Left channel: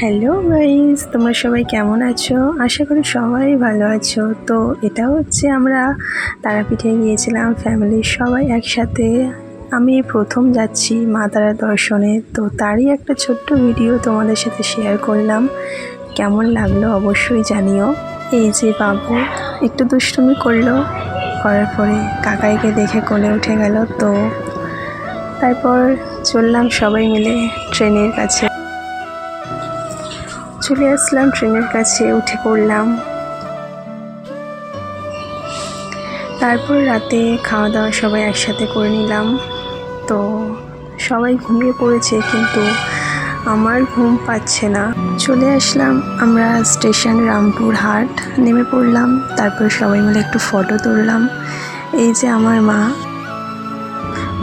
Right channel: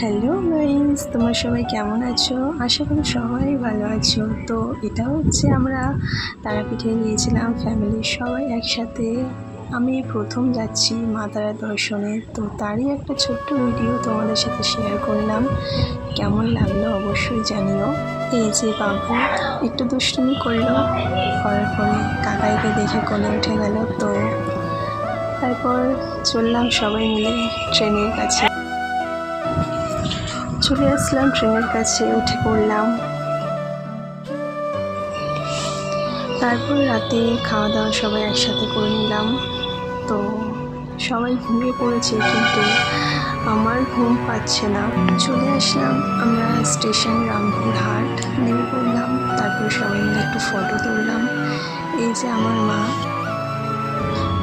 Hello guys, তোমরা সবাই কেমন আছো? আশা করি সবাই ভালো আছো। তো এটা হচ্ছে আমরা তারাপীঠে গিয়েছিলাম ফ্যামিলির সবাই একসাথে। আমি প্রথম যাচ্ছি মা তারা দর্শনে, তো তারই একটা ছোট্ট ভিডিও তোমাদের সাথে শেয়ার করলাম। কেমন লাগলো অবশ্যই জানিও। এই যে বাবু একটু দুষ্টুমি করলো, করার পরে কাকাইকে দেখে কোলে উঠে গেল। তো তারপর চললাম সবাই মিলে ট্রেনের কাছে, চলে আসলাম ট্রেনের কাছে, উঠে পড়লাম। তারপর রাতে খাওয়া দাওয়া সবাই একসাথে করে নিলাম। তো সবাই ঘুমিয়ে পড়েছে, কিন্তু আমার ঘুম পাচ্ছে না। চলে আসলাম আমরা স্টেশন রামপুরহাট, নেমে পড়লাম। তারপর সবাই মিলে একটু ফটো তুললাম। এই যে আমার মা,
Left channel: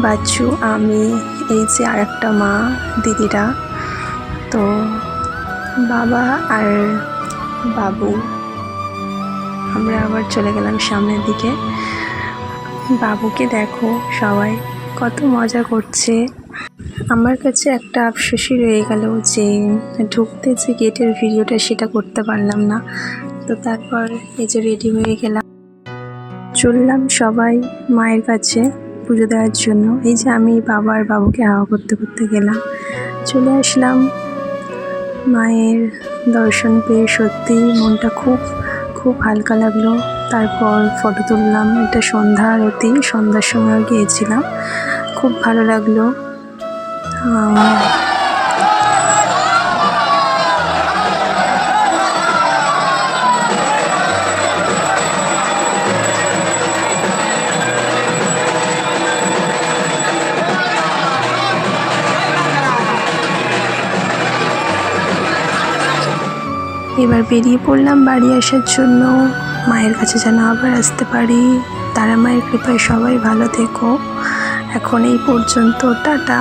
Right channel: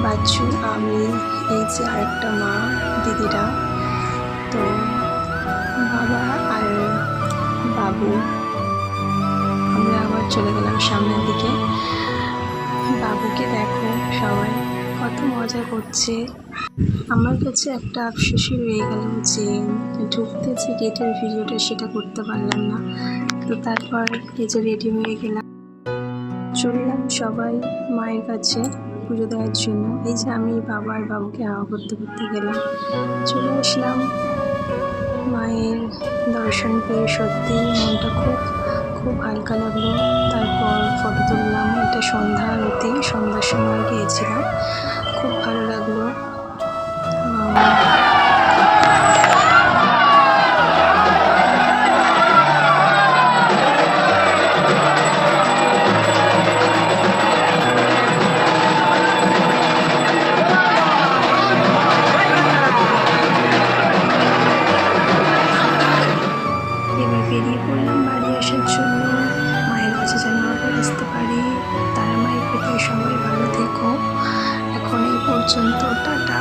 বাচ্চু, আমি, এই যে আরেকটা মা, দিদিরা, তো বাবা আর বাবু। আমরা আবার চলে গেলাম সামনের দিকে। বাবুকে দেখো, সবাই কত মজা করছে। আমার কাছে একটা আফসোসই রয়ে গেল যে ঢুকতে যে গেটের ভিডিওটা সেটা করতে পারলাম না। তো তারপর এই যে রেডি হয়ে গেলাম, চললাম সবাই মায়ের কাছে পুজো দেওয়ার জন্য। এই যে আমি বাবা আর বাবুকে হাওয়া করতে করতে গেলাম, চলে আসলাম। মায়ের দর্শন পেয়ে সত্যি মনটা খুব খুব হালকা লাগলো। তারপর ফটো তুললাম। এটা সন্ধ্যা আরতি, সন্ধ্যার সময় গিয়েছিলাম, খুব ভালো লাগলো। এবার বেরিয়ে পড়লাম বাড়ি আসার জন্য, মায়ের কাছে যেন আবার আসতে পারি। তারা মায়ের কৃপায় সবাই ভালো থেকো। এখন এই পর্যন্ত, টাটা।